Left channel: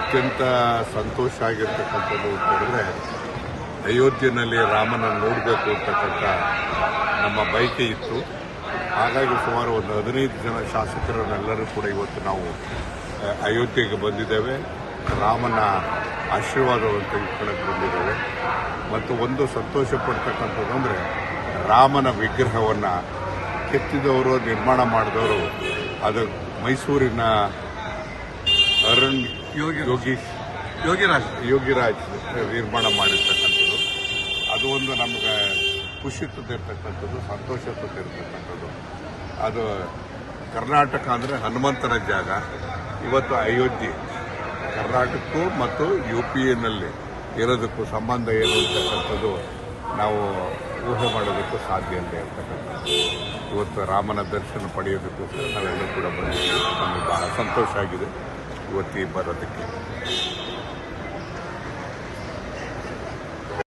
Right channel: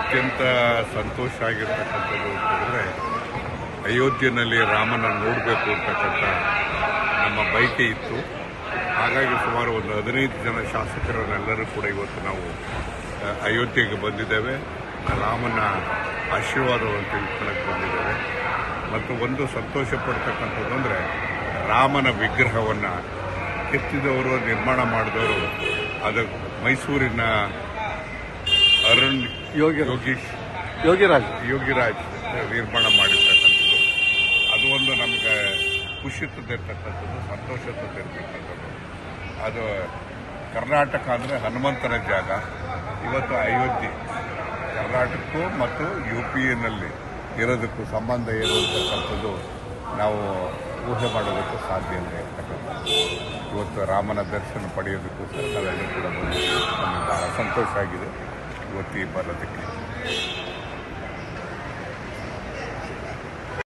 ಅತ್ಯಂತ ಸಂತೋಷ ಆಗಿರ್ತಕ್ಕಂಥದ್ದು ಅಂತಂದರೆ ಅಯೋಧ್ಯೆಯಲ್ಲಿ ರಾಮನ ನೋಡಬೇಕು ಅಂತಕ್ಕಂಥ ನಮ್ಮ ಬಯಕೆ ಇತ್ತು. ಹಾಗಾಗಿ ಸುಮಾರು ಒಂದು 15 ಜನ ಶಾಸಕರನ್ನೆಲ್ಲರೂ ಕೂಡ ಇವತ್ತು ನಾವು ಅಯೋಧ್ಯೆಗೆ ಬಂದಿದ್ದೇವೆ. ರಾಮನ ಆಶೀರ್ವಾದವನ್ನು ತೆಗೆದುಕೊಳ್ಳಕ್ಕೆ ಬಂದಿದ್ದೇವೆ. ಮತ್ತು ಒಂದು ಸಂತೋಷ ಪಡ್ತಕ್ಕಂಥದ್ದು ಅಂದರೆ ರಾಮನ ವಿಗ್ರಹವನ್ನು ಕೆತ್ತಿದವರು, ನಿರ್ಮಾಣ ಮಾಡಿದವರು ಅದು ಮೈಸೂರಿನ ಯೋಗಿರಾಜ್ ನಿರ್ಮಾಣ ಮಾಡಿರ್ತಕ್ಕಂಥದ್ದು. ಅದು ಒಂದು ನಮಗೆ ಖುಷಿ ತಂದಿರ್ತಕ್ಕಂಥದ್ದು, ಸಂತೋಷ ತಂದಿರ್ತಕ್ಕಂಥದ್ದು. ಅದು ಕರ್ನಾಟಕ ಅಂದರೆ ಹನುಮಂತನ ಜಾಗ. ಇವತ್ತು ಅಯೋಧ್ಯೆ ಕರ್ನಾಟಕಕ್ಕೂ ಮತ್ತು UP-ನಲ್ಲಿ ಇರೋದಕ್ಕೂ ಸಂಬಂಧ ಏನು ಅಂತಕ್ಕಂಥದ್ದು ನಾವು ಊಹೆ ಮಾಡೋದಕ್ಕೂ ಸಾಧ್ಯ ಇಲ್ಲ ಇರ್ತಕ್ಕಂಥದ್ದು. ಇವತ್ತು ರಾಮನ ದರ್ಶನ ಪಡೆಯೋದಕ್ಕೋಸ್ಕರ ನಾವೆಲ್ಲರೂ ಕೂಡ ಬಂದಿದ್ದೀವಿ. ನಮಗೆ ಬಹಳ ಸಂತೋಷ ಆಗಿದೆ ಇವತ್ತು ಈ ಬರೋದಕ್ಕೆ.